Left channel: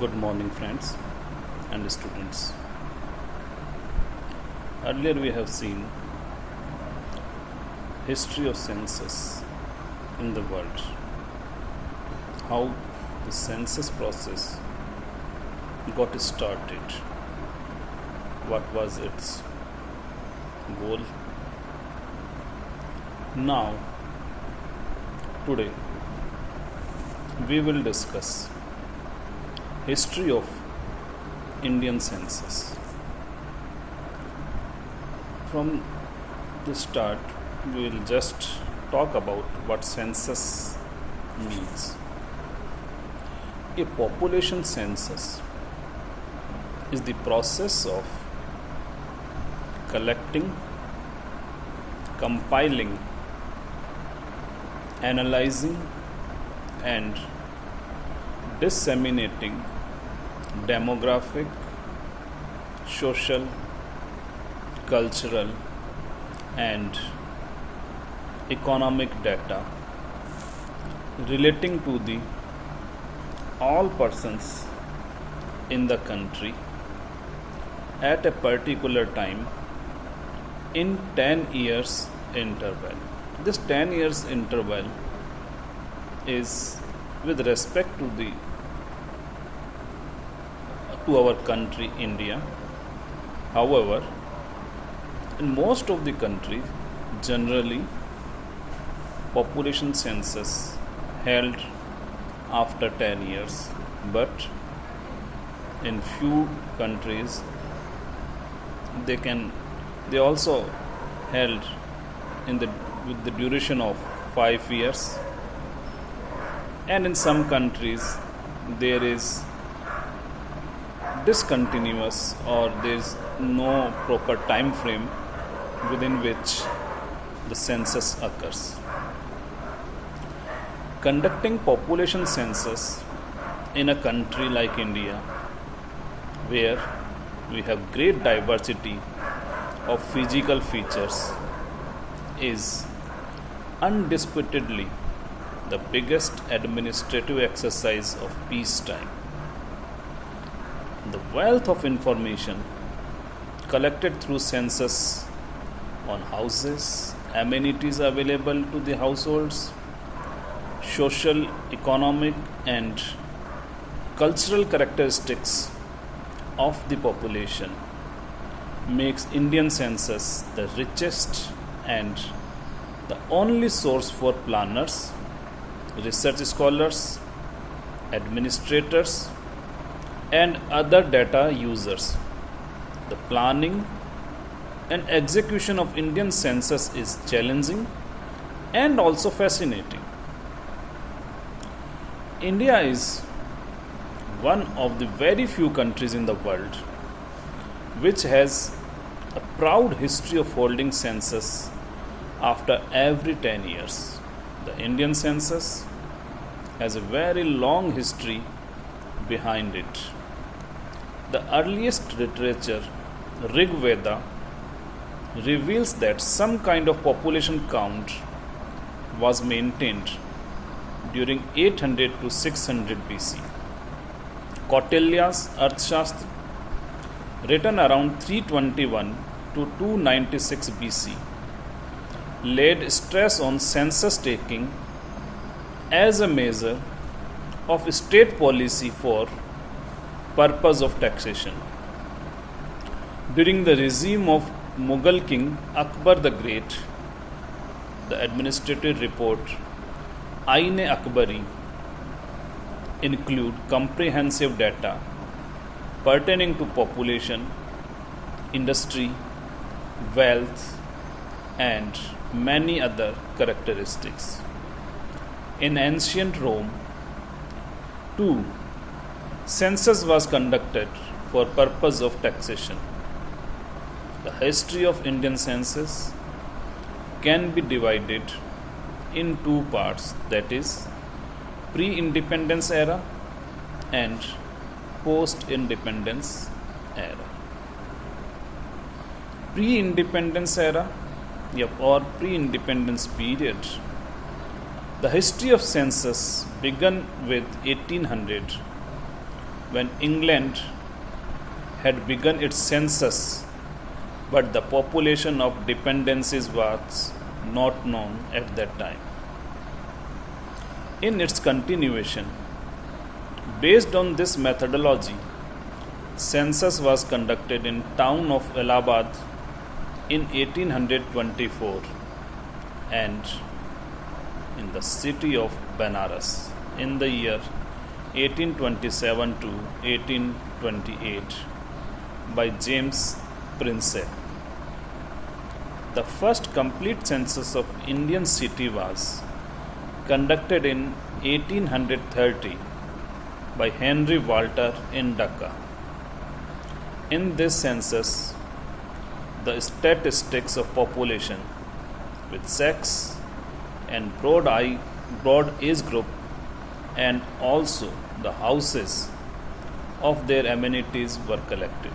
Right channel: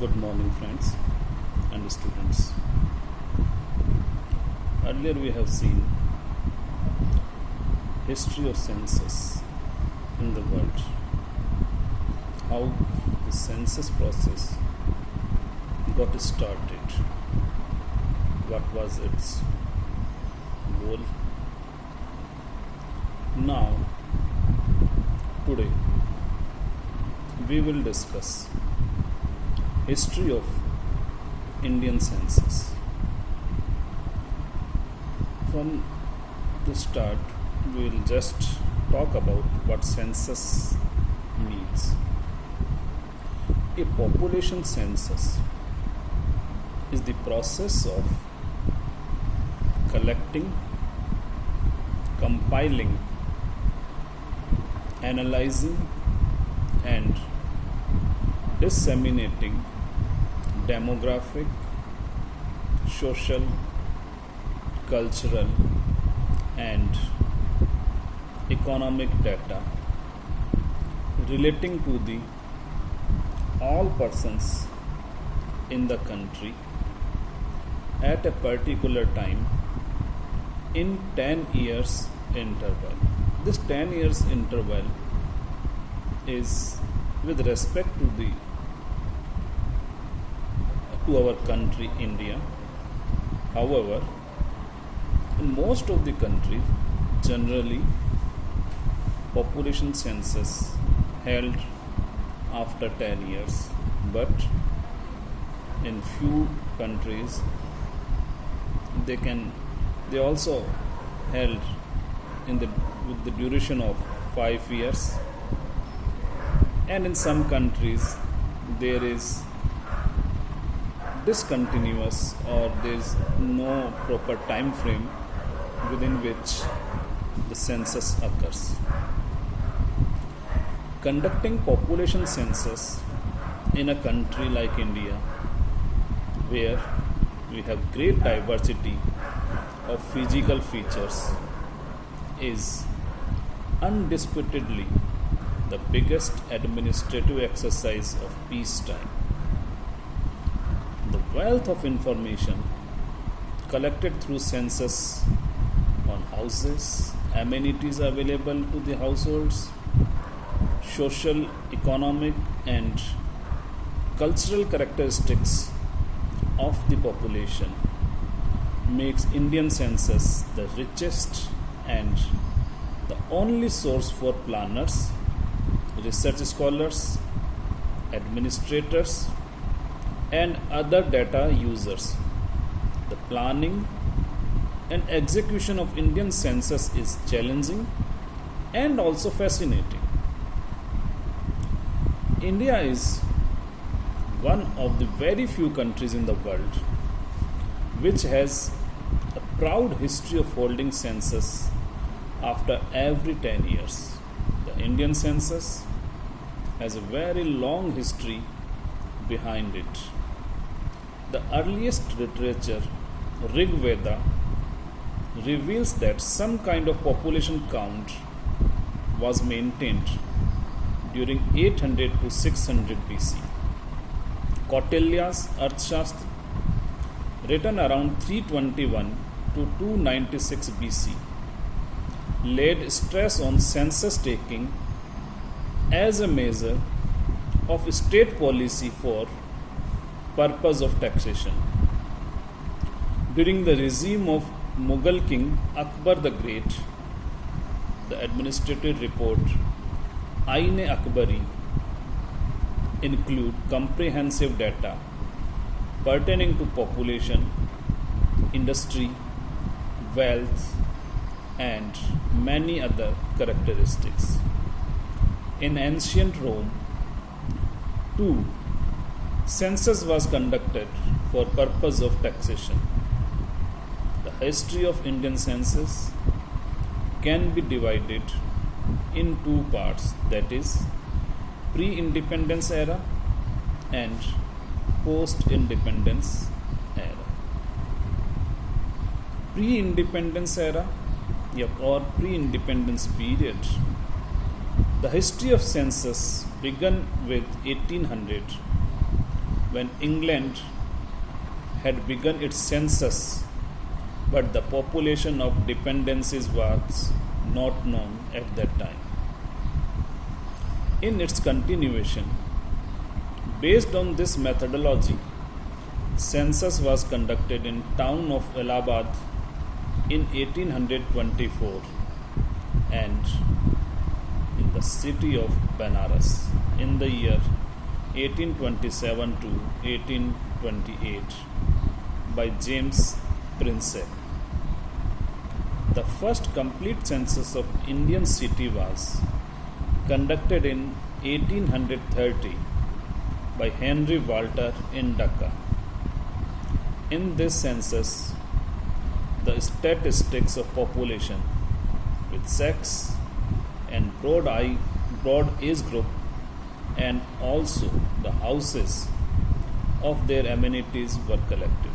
Good morning, friends and students. Earlier, we have seen history of census in the world, how the census process got started, what was its goal. Now, today, we will discuss history of Indian census. From the start, we will just talk about what census means. A population census is the process of collecting, compiling, analyzing, and disseminating demographic, social, cultural, and economic data relating to the all persons in the country at a particular time in 10 years interval. This 10 years interval is with respect to our country India. However, in most of the countries, generally population census held after 10 years, but in few countries they also held with the duration of 5 years, and in some countries there is discontinuous or there is no proper time frame within which the census occurs. Conducting population census in a country like India, where we have great diversity of physical features, is undisputedly the biggest administrative exercise of peacetime. The wealth of information collected through census on houses, amenities available to the households, social, economic, and cultural characteristics of the population makes Indian census the richest and the only source for planners, research scholars, administrators, and other data users. The planning and execution of Indian census is challenging and also fascinating. India is one of the very few countries in the world which has a proud history of holding census after every 10 years. The Indian census has a very long history behind it. The earliest literature, Rig Veda, reveals that some kind of population count was maintained during 800 to 600 BC. Kautilya's Arthashastra, written around 321 to 296 BC, laid stress on census taking as a measure of state policy for purpose of taxation. During the regime of Mughal king Akbar the Great, the administrative report Ain-e-Akbari include comprehensive data pertaining to population, industry, wealth, and many other characteristics. In ancient Rome, too, census was conducted for purpose of taxation. The history of Indian census can be divided in two parts, that is, pre-independence era and post-independence era. Pre-independence era or pre-independence period, the history of census began with 1800 when England had begun its census, but the population of dependencies was not known at that time. In its continuation, based on this methodology, census was conducted in town of Allahabad in 1824 and in the city of Benares in the year 1827 to 1828 by James Prinsep. The first complete census of Indian city was conducted in 1830 by Henry Walter in Dhaka. In this census, the statistics of population with sex and broad age group and also the houses of their amenities were collected.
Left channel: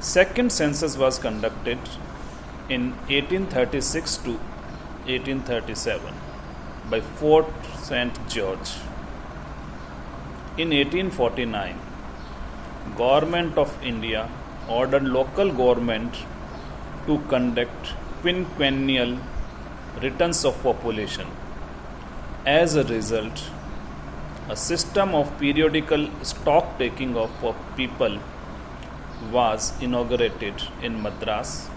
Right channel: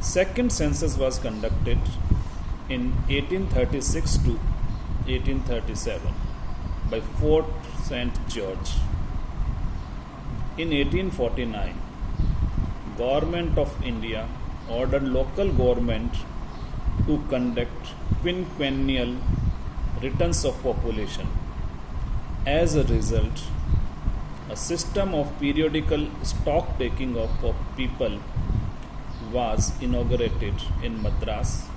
Second census was conducted in 1836 to 1837 by Fort St. George. In 1849, Government of India ordered local government to conduct quinquennial returns of population. As a result, a system of periodical stock taking of people was inaugurated in Madras,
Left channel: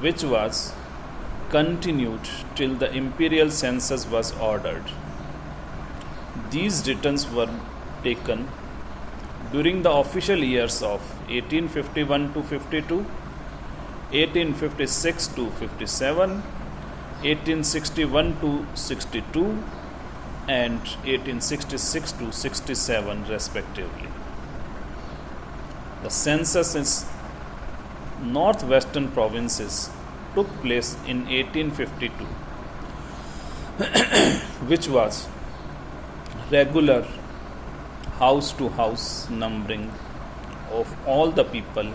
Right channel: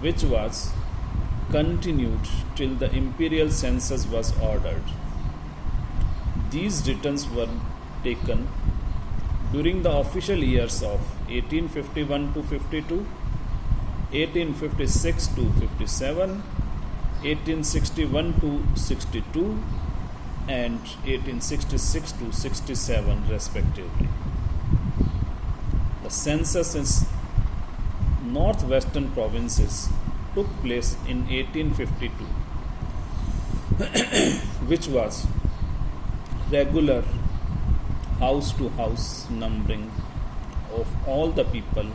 which was continued till the imperial census was ordered. These returns were taken during the official years of 1851 to 52, 1856 to 57, 1861 to 62, and 1866 to 67 respectively. The census in northwestern provinces took place in 1852, which was regular house to house numbering of all the people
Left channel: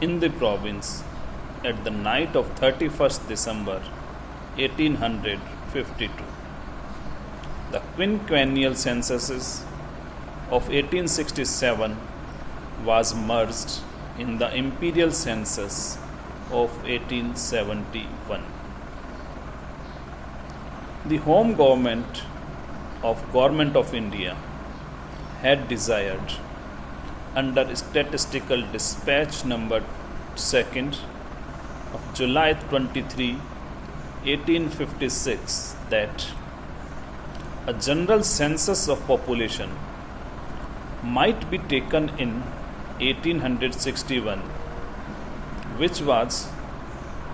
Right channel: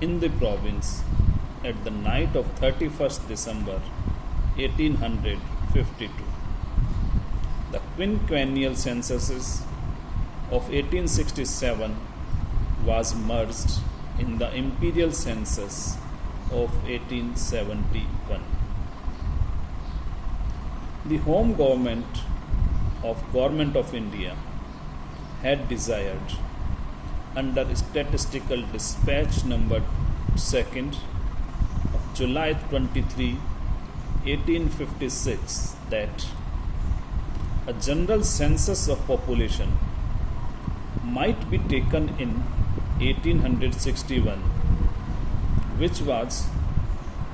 in the province at the night of 31st December 1852. The quinquennial censuses of 1867 was merged in the imperial census of 1871. The home government of India had desired under statistical dispatch number 2nd of July 23, 1856 that a general census of population might be taken in 1861, which was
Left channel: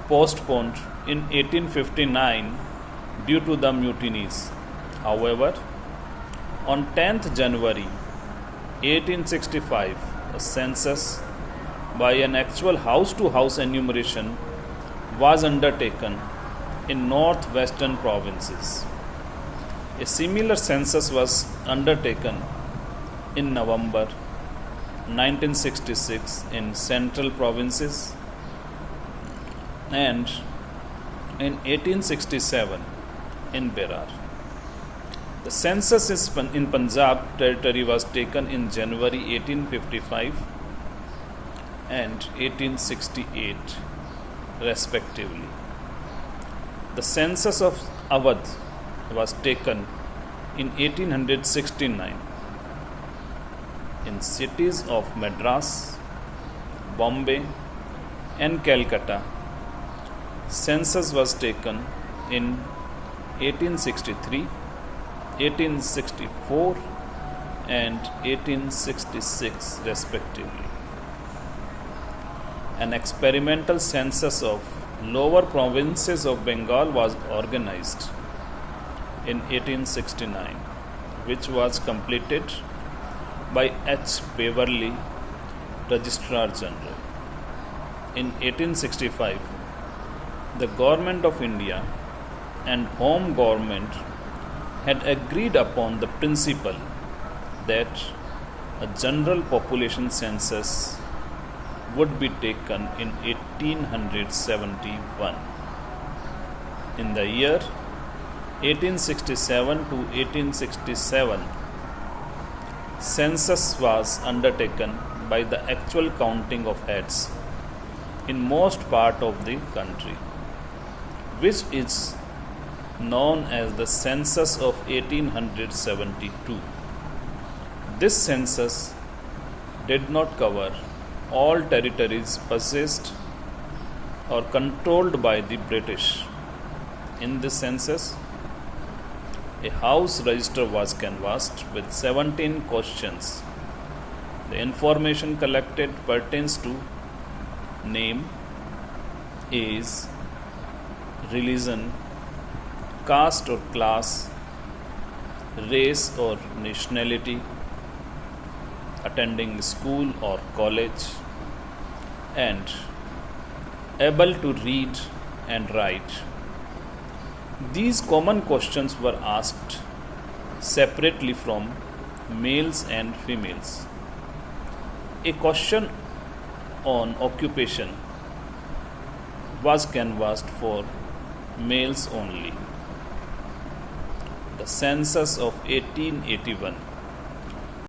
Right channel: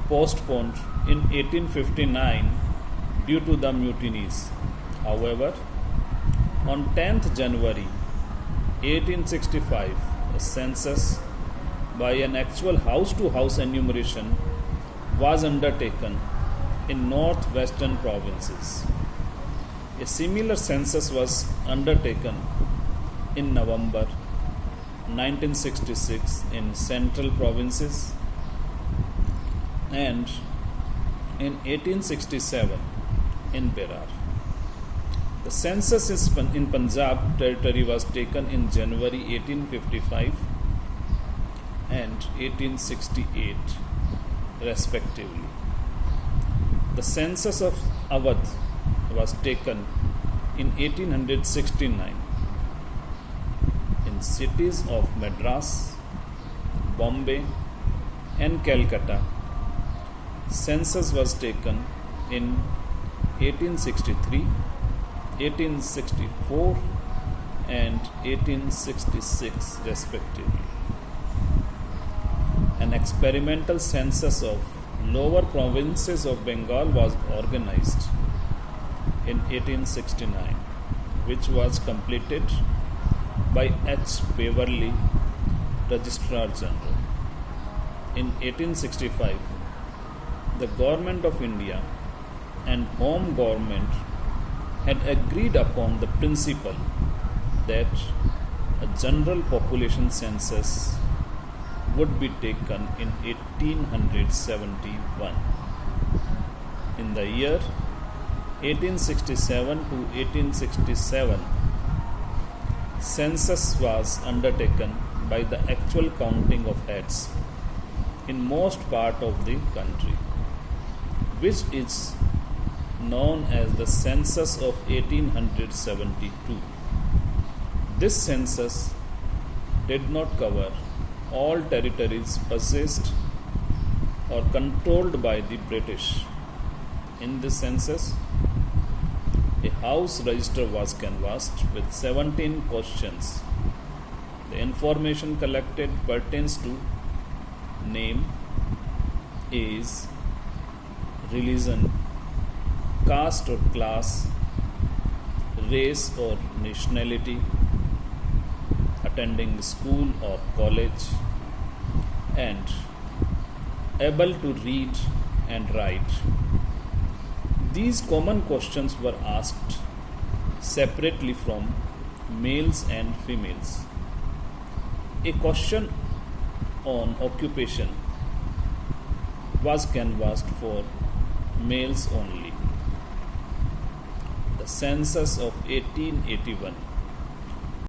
postponed in 1859 due to the mutinies. However, on 10th January 1865, a census by an actual house-to-house enumeration was undertaken in northwestern provinces. A similar census was undertaken in November 1966 in central provinces and in 1867 in Berar. The census in Punjab territory was taken in January 1855 and 1868 respectively. The census of Awadh was taken in 1869 in cities of Madras, Bombay and Calcutta. Census was taken in 1863, 1864 and 1866 respectively. An experimental census of lower provinces of Bengal was organized in 1869, which was completed by H. Beverley, Registrar General. In 1865, the Government of India and Home Government had agreed upon the principle that a general population census would be taken in 1871. In the year 1867 to 1867, census was undertaken by the actual counting of heads in most part of the country, which is known as the census of 1872. This census did not cover all territories possessed or controlled by the British. In this census, a house register was canvassed with 17 questions. The information collected pertains to name, age, religion, caste or class, race or nationality, attending school or college, and able to read and write. These common questions were asked separately from males and females. A question on occupation was canvassed for males only. The census of 1881